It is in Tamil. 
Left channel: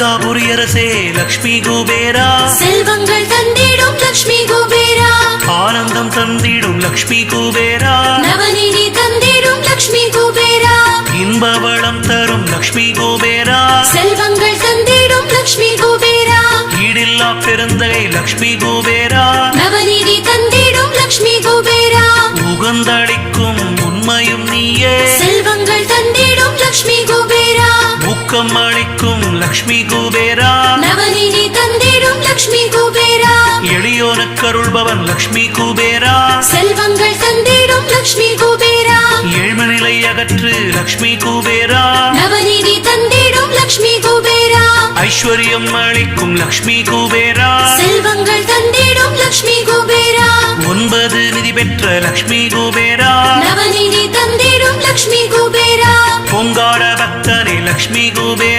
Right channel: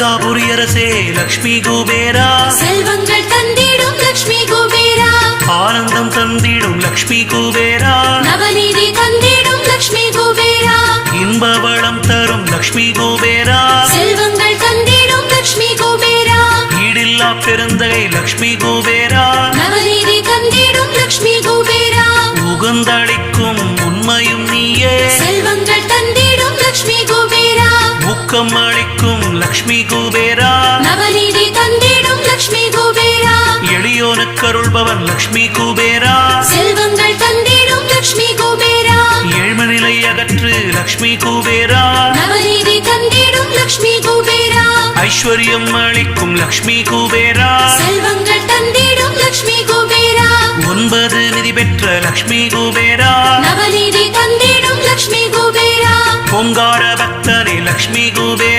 கனகாபுரி அரசே லக்ஷ்மி குபேரா, செல்வங்கள் தந்திடும் லக்ஷ்மி குபேரா, ஆனந்தம் தந்திடும் லக்ஷ்மி குபேரா, நவநீதி தந்திடும் லக்ஷ்மி குபேரா, இன்ப வளம் தரும் லக்ஷ்மி குபேரா, செல்வங்கள் தந்திடும் லக்ஷ்மி குபேரா, ஈடில்லா பெருந்தகை லக்ஷ்மி குபேரா, நவநீதி தந்திடும் லக்ஷ்மி குபேரா, உகந்தளிக்கும் உண்மையும் நீயே, செல்வங்கள் தந்திடும் லக்ஷ்மி குபேரா, ஊக்கம் அளிக்கும் லக்ஷ்மி குபேரா, நவநீதி தந்திடும் லக்ஷ்மி குபேரா, எளியோனுக்கு அருள்பவன் லக்ஷ்மி குபேரா, செல்வங்கள் தந்திடும் லக்ஷ்மி குபேரா, ஏழ்மநிலை அகற்று லக்ஷ்மி குபேரா, நவநீதி தந்திடும் லக்ஷ்மி குபேரா, ஐஸ்வர்யம் அளிக்கும் லக்ஷ்மி குபேரா, செல்வங்கள் தந்திடும் லக்ஷ்மி குபேரா, 9 நிதி பெற்ற லக்ஷ்மி குபேரா, நவநீதி தந்திடும் லக்ஷ்மி குபேரா, பொங்கார பக்தனே லக்ஷ்மி குபேரா.